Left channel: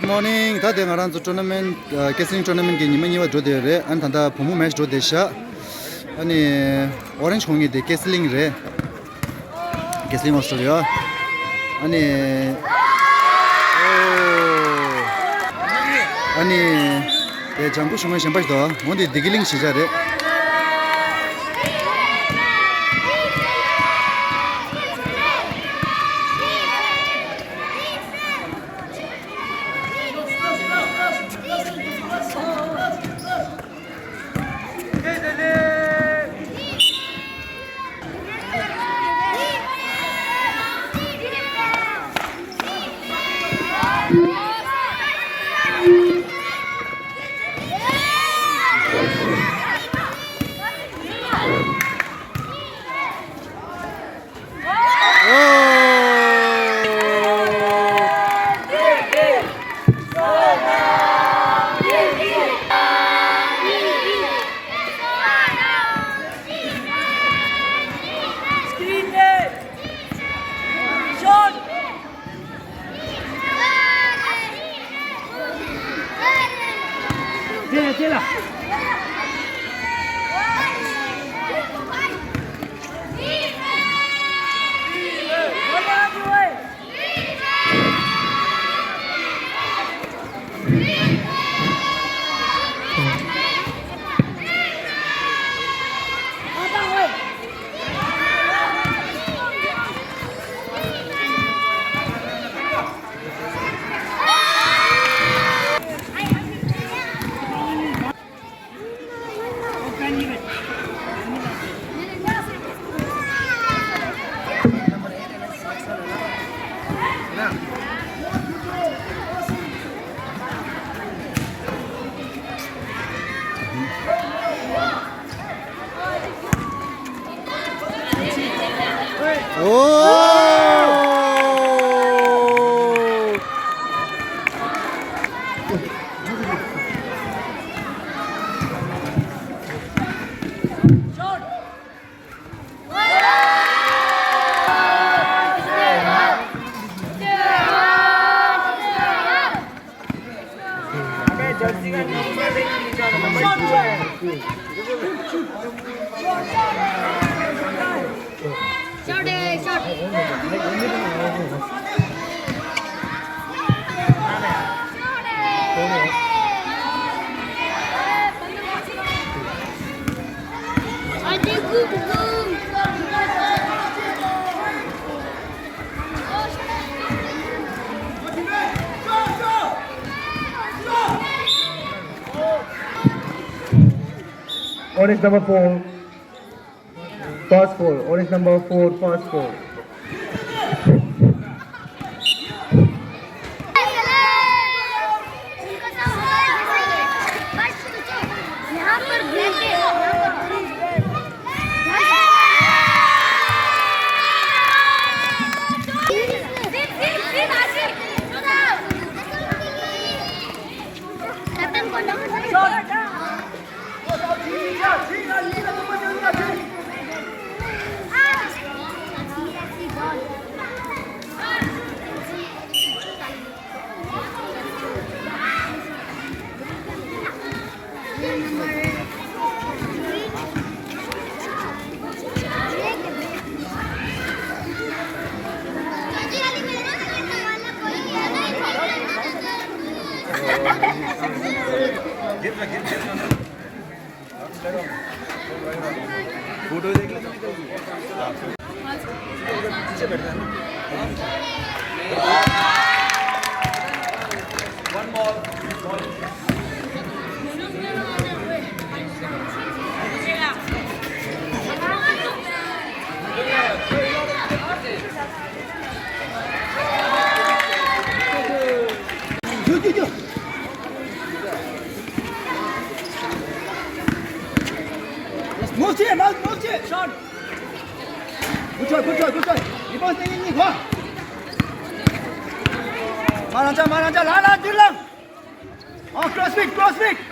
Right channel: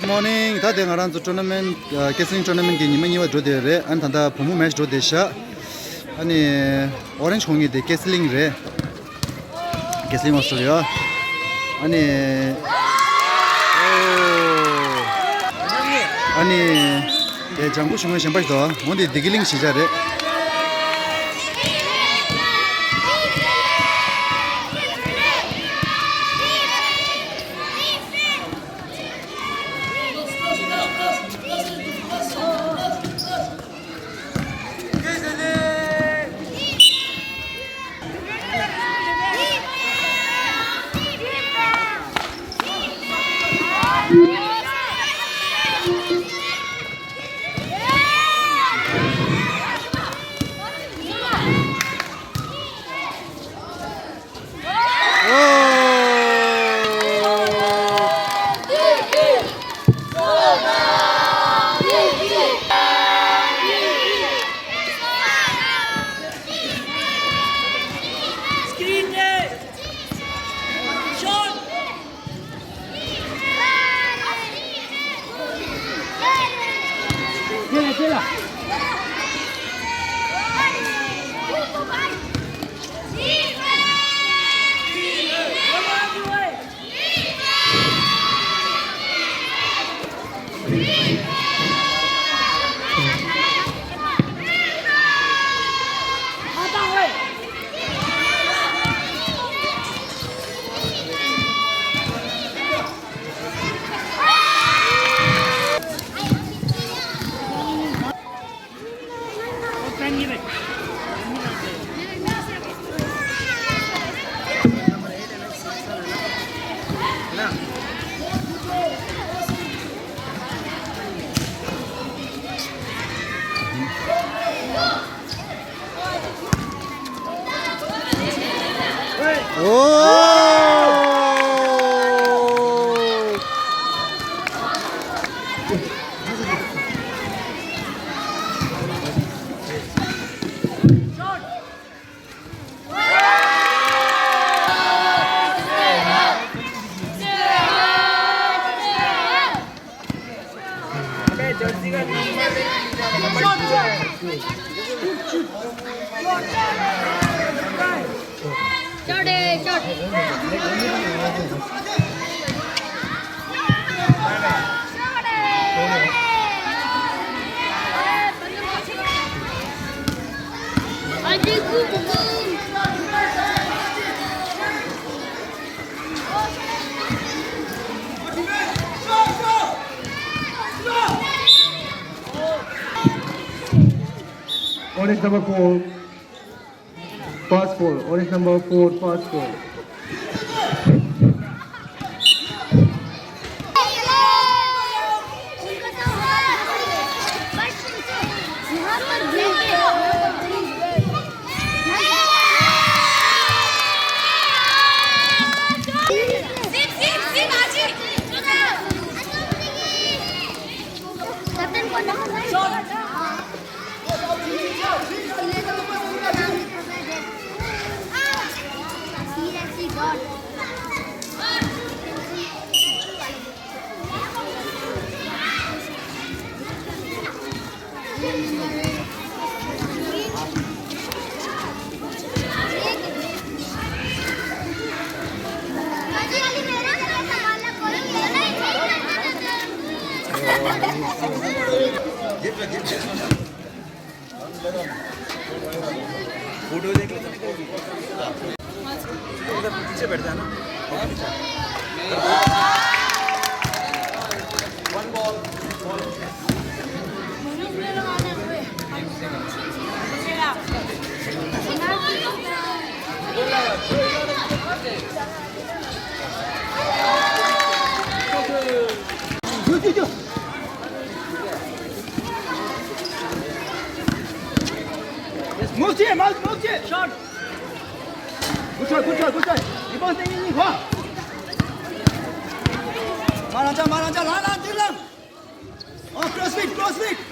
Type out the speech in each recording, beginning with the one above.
Good morning. 다 대가란 tournament 캐슬링 tournament 게 님은 이와 조데레 안탄다 부모 매치 조데샤 아니 오렌지 공이데 캐슬링레 캐슬링 오스트레일리아 아니 에 장부 shum은 셴바이도 뭔데 디글링 시자레 Orange number 4, pass 4. Orange number 4, pass 4. Shot. Good try. 이번 땡기니 봐. 말한자, 라라 딜랑. 크로스핏.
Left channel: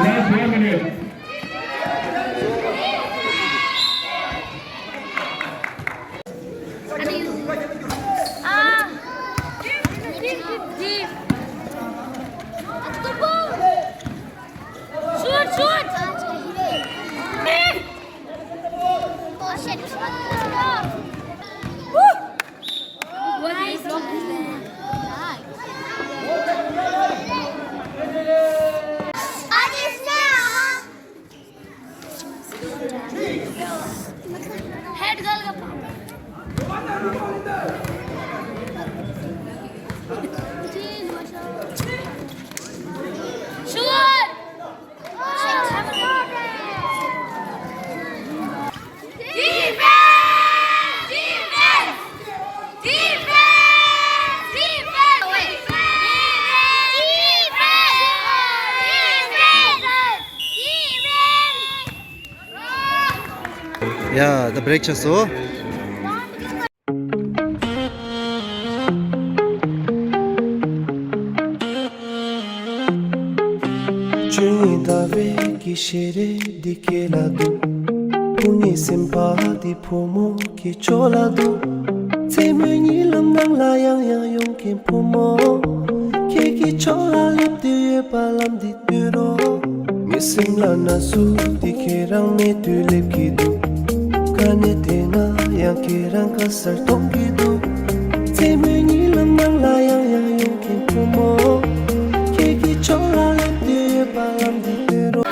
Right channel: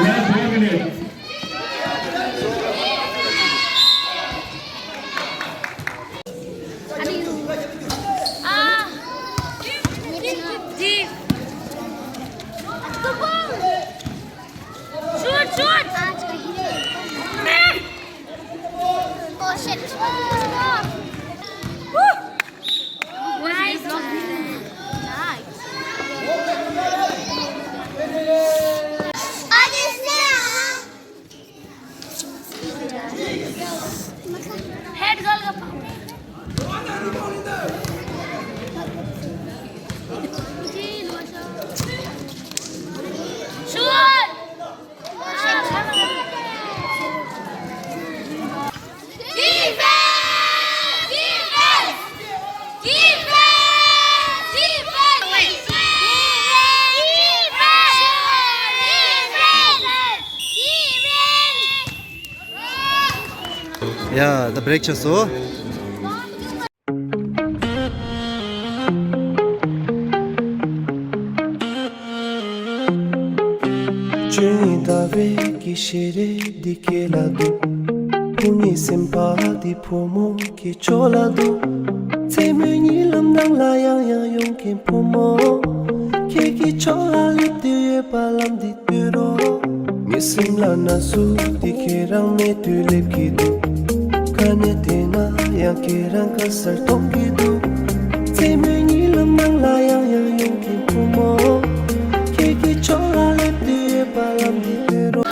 Last 1 minute. Deep. The ball. Shoot, shoot. Oh shit. Woo. Nice. Nice. Head girl ka pa. Shoot! Defense! Defense! Defense! Defense! 야, 나 브레이크 쳤어. Dave kishere dikelado Pungi simpati pomo ki cholado Temeni lam nang layang yang yung kim pomo Keki chola lip diye palam di turo Ngisim la nasu dikerang ne tulip kido Kane tena yang kirang kasar tong kido Temeni lam nang layang yang yung kim pomo Keki chola lip diye palam di turo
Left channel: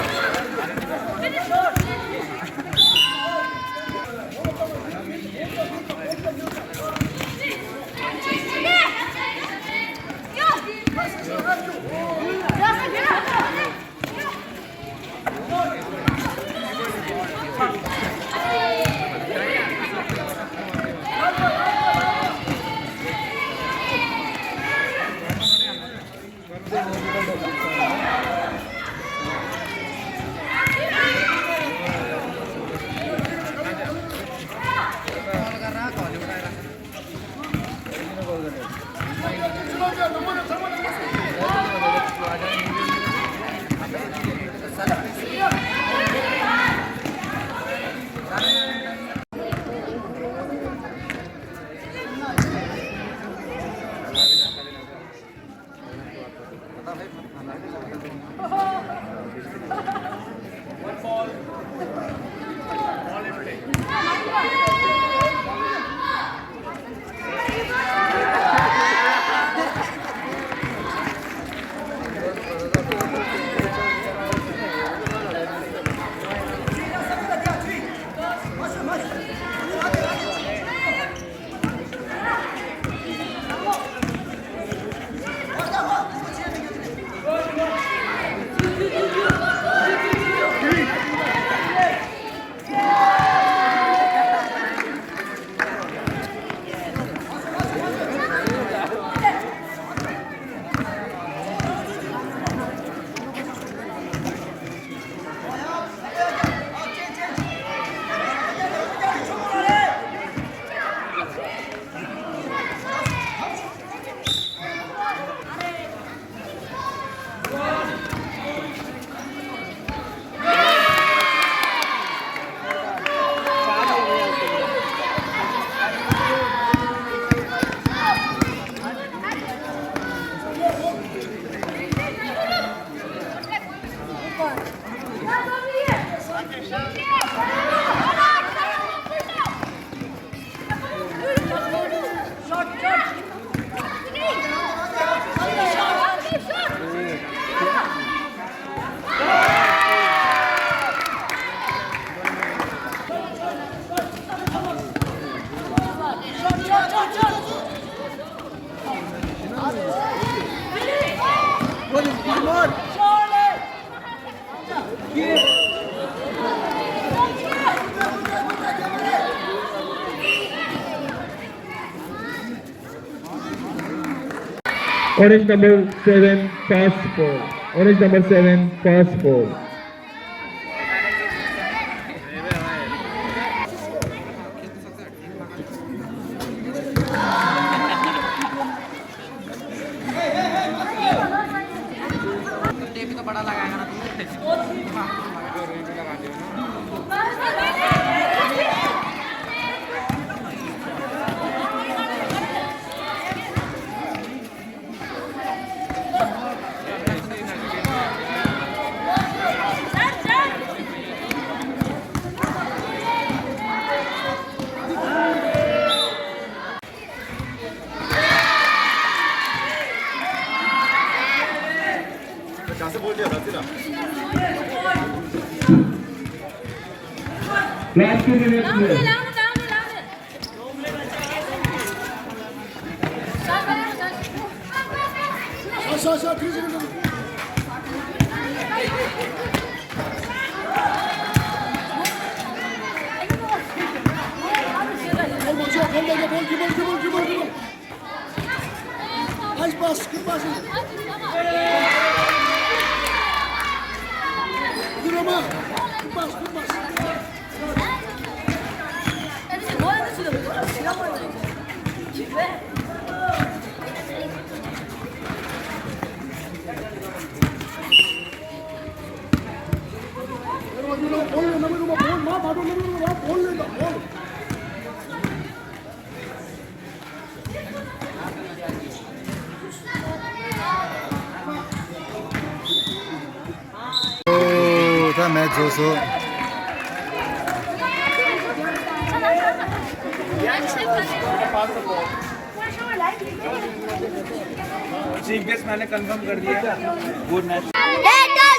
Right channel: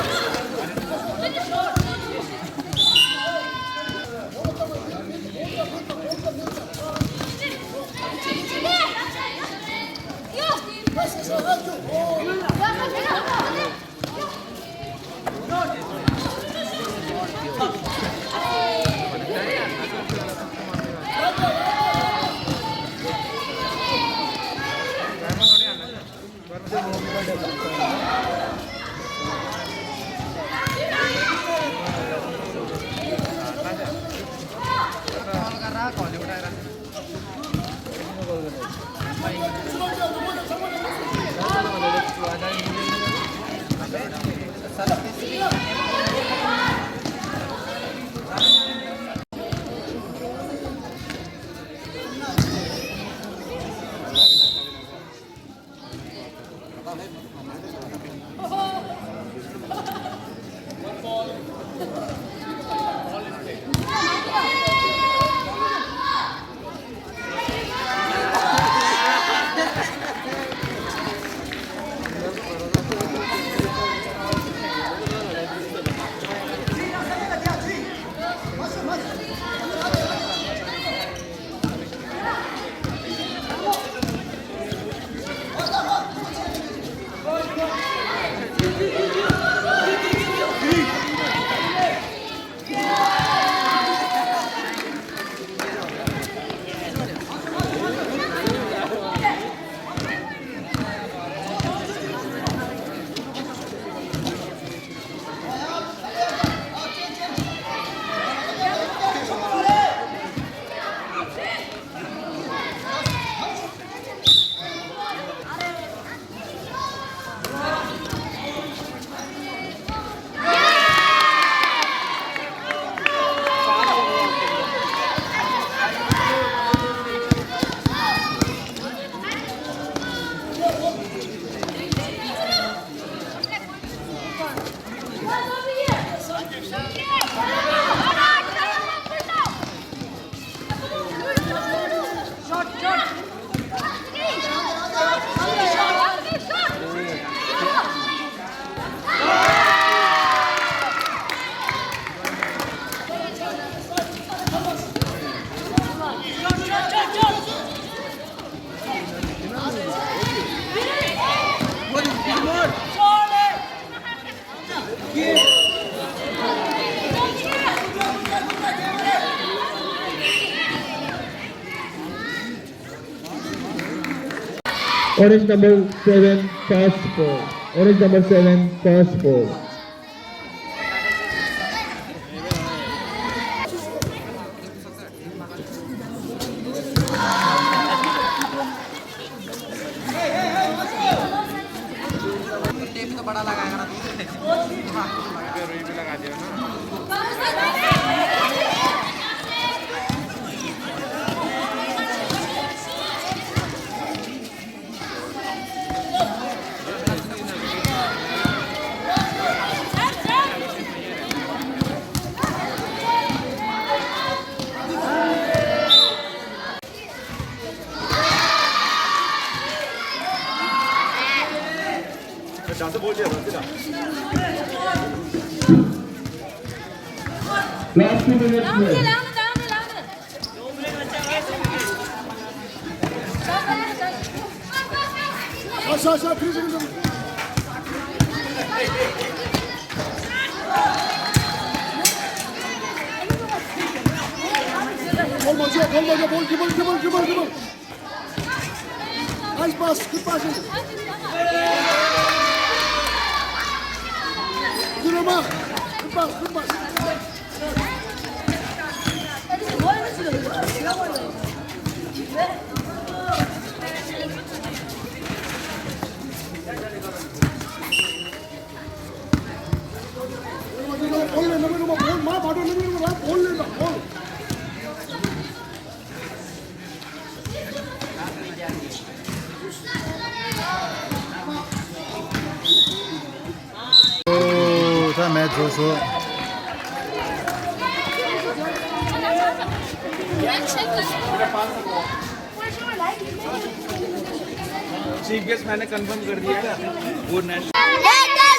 Orange number 7, pass 4. Orange number 7, pass 4. Last 2 minutes left. 샷, 뒤집어. 볼 먼저, 볼 기본. 나이스 파스, 굿 파스. 들어봐, 굿 파스. 볼 내놔, 볼, 바로 내놔, 볼 내놔, 볼. 오, 다 매치 줘서. CBS मैंने confirm कर दिया good night Hey,